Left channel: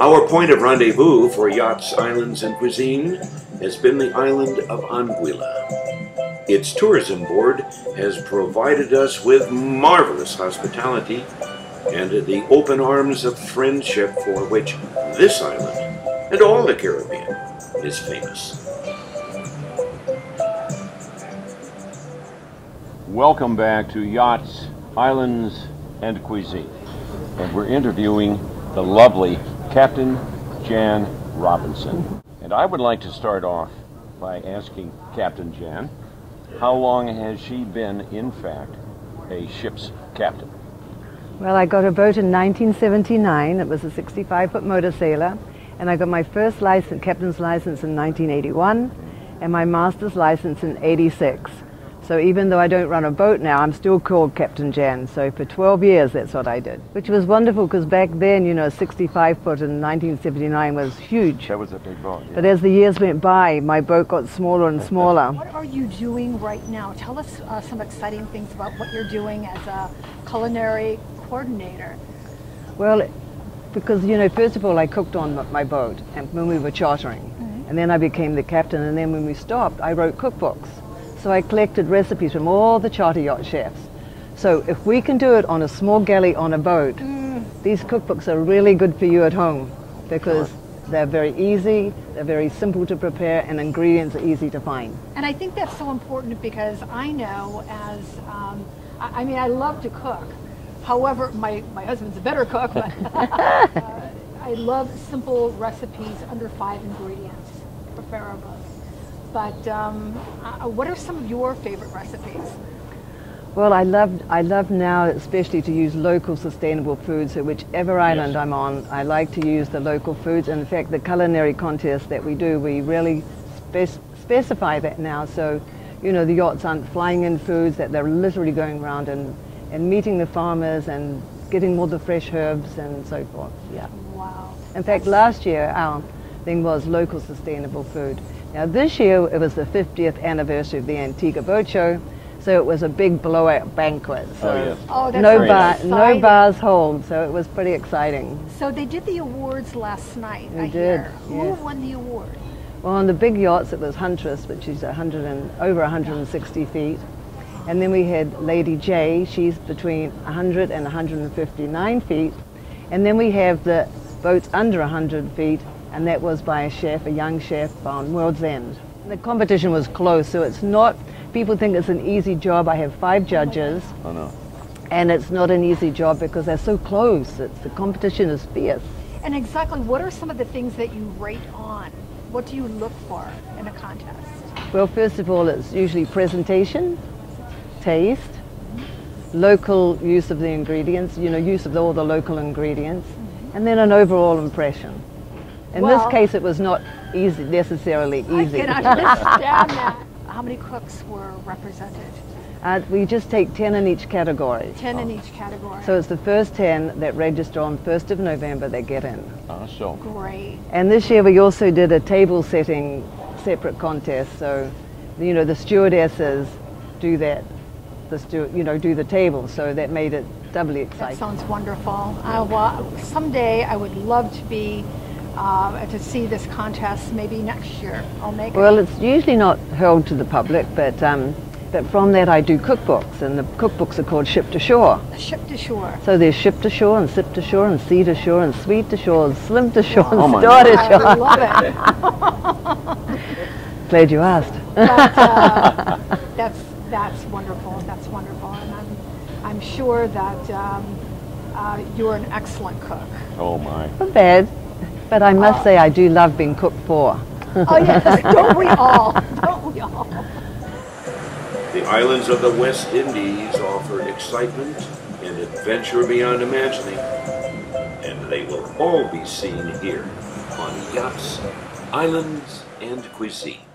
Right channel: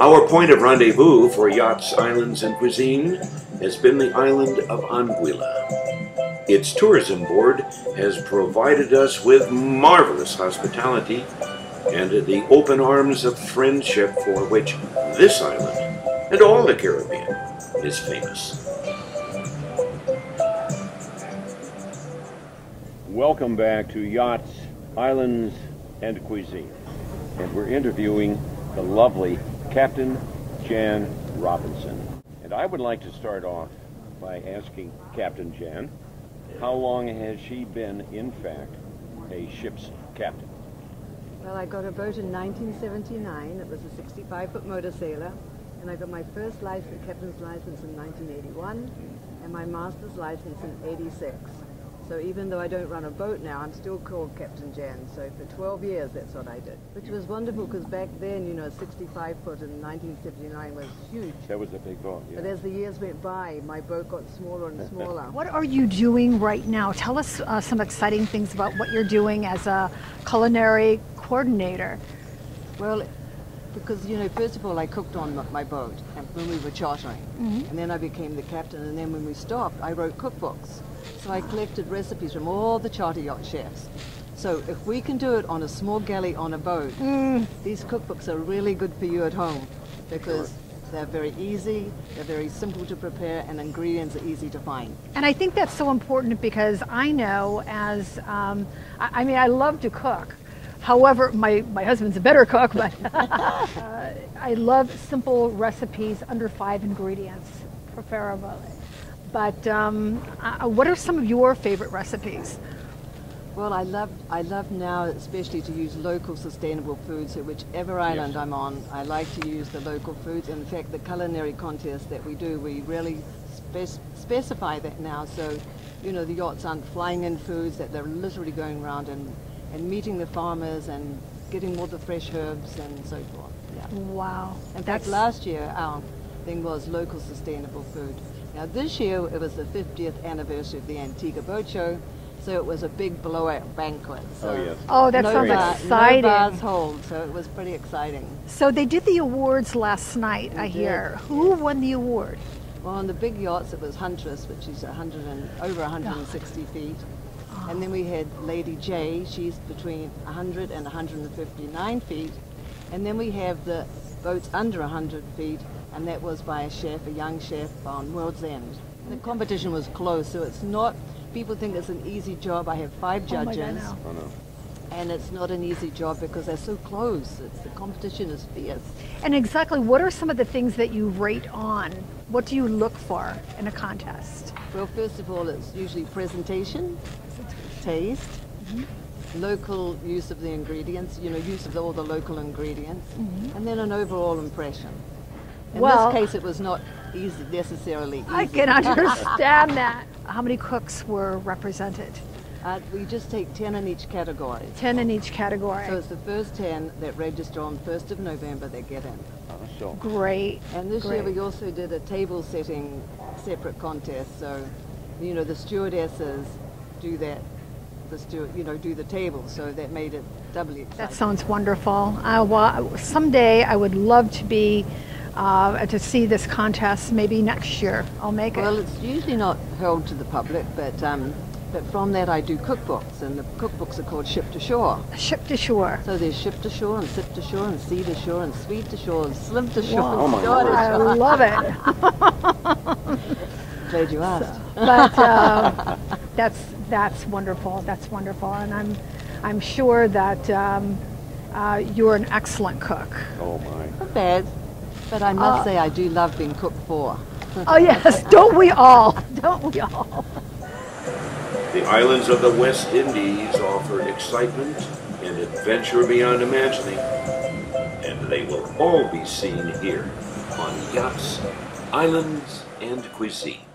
Our point of rendezvous for yachts, islands, and cuisine has been the island of Anguilla. Its tourism board has provided us with marvelous hospitality and the open arms of friendship for which this island and all the Caribbean is famous. Welcome back to Yachts, Islands, and Cuisine. And we're interviewing the lovely Captain Jan Robinson. And I would like to start off by asking Captain Jan, how long has she been, in fact, a ship's captain? Well, I got a boat in 1979. It was a 65-foot motor sailor. And I got my first license, captain's license in 1981, and my master's license in 86. So even though I don't run a boat now, I'm still called Captain Jan. So for 12 years, that's what I did, which was wonderful because back then, you know, 65-foot in 1979 was huge. That was a big boat. Yeah. But as the years went by, my boat got smaller and smaller. What are you doing right now? Tell us some exciting things about what you're doing as a culinary coordinator. Well, because, you know, first of all, I cooked on my boat and when we were chartering. And then I became the captain, and then when we stopped, I wrote cookbooks. So I collected recipes from all the charter yacht chefs. So if we can do it on a small galley on a boat, these cookbooks are really good for you at home because they're very easy, they're very simple to prepare, and ingredients are easy to find. And I think that's so important because I know as, I mean, I love to cook. However, my husband's a better cook, but I love simple recipes under 5 ingredients, preferably. But what are some of your favorite recipes? Well, I love now especially to use local sustainable foods. So whichever island I'm on, I like to use the local foods. In fact, the culinary contest that we do, we really specify that now. So, you know, the yachts aren't flying in foods, that they're literally going around and meeting the farmers and getting all the fresh herbs and so forth. Yeah. Wow. In fact, last year our thing was local sustainable food. Now this year it was the 50th anniversary of the Antigua Boat Show, so it was a big blowout banquet. So that no bars hold, so it was pretty exciting. So they did the awards last night, I hear. Who won the award? Well, on the big yachts it was Huntress, which is over 160 feet. And then we had Lady J, she's between 100 and 159 feet. And then we have the boats under 100 feet, and that was by a chef, a young chef on World's End. The competition was close, so it's not, people think it's an easy job. I have 5 judges, and it's not an easy job because they're so close. The competition is fierce. And exactly, what are some of the things that you rate on? What do you look for in a contest? Well, first of all, it's usually presentation, taste, local use of the ingredients, you know, use of all the local ingredients, and then an overall impression. In this case, it was not necessarily easy. I can understand that. How many cooks were represented? We just take 10 in each category. 10 in each category. So it's the first 10 that register on 1st of November that get in. Great. And this year we also did a table setting separate contest. So, you know, the stewardesses do that. Do the table, so that made it doubly exciting. That sounds wonderful. Someday I would love to be to see this contest. Maybe next year I'll make it. Well, it's usually not held to the public, but from that I do cookbooks, and the cookbooks are called Ship to Shore. Ship to Shore. So there's Ship to Shore, and Sip to Shore, and Sea to Shore, and Sweet to Shore, and Slim to Shore, and Store to Shore. I love it. Glad you asked. But that's wonderful. That's wonderful, and I'm sure that you're an excellent cook. Oh my! Not bad, but I must say I do love being cooked for. Oh yes, don't we all? Don't we all? The islands of the West Indies offer excitement and adventure beyond imagining, and they will all be seen here on Yachts, Islands, and Cuisine.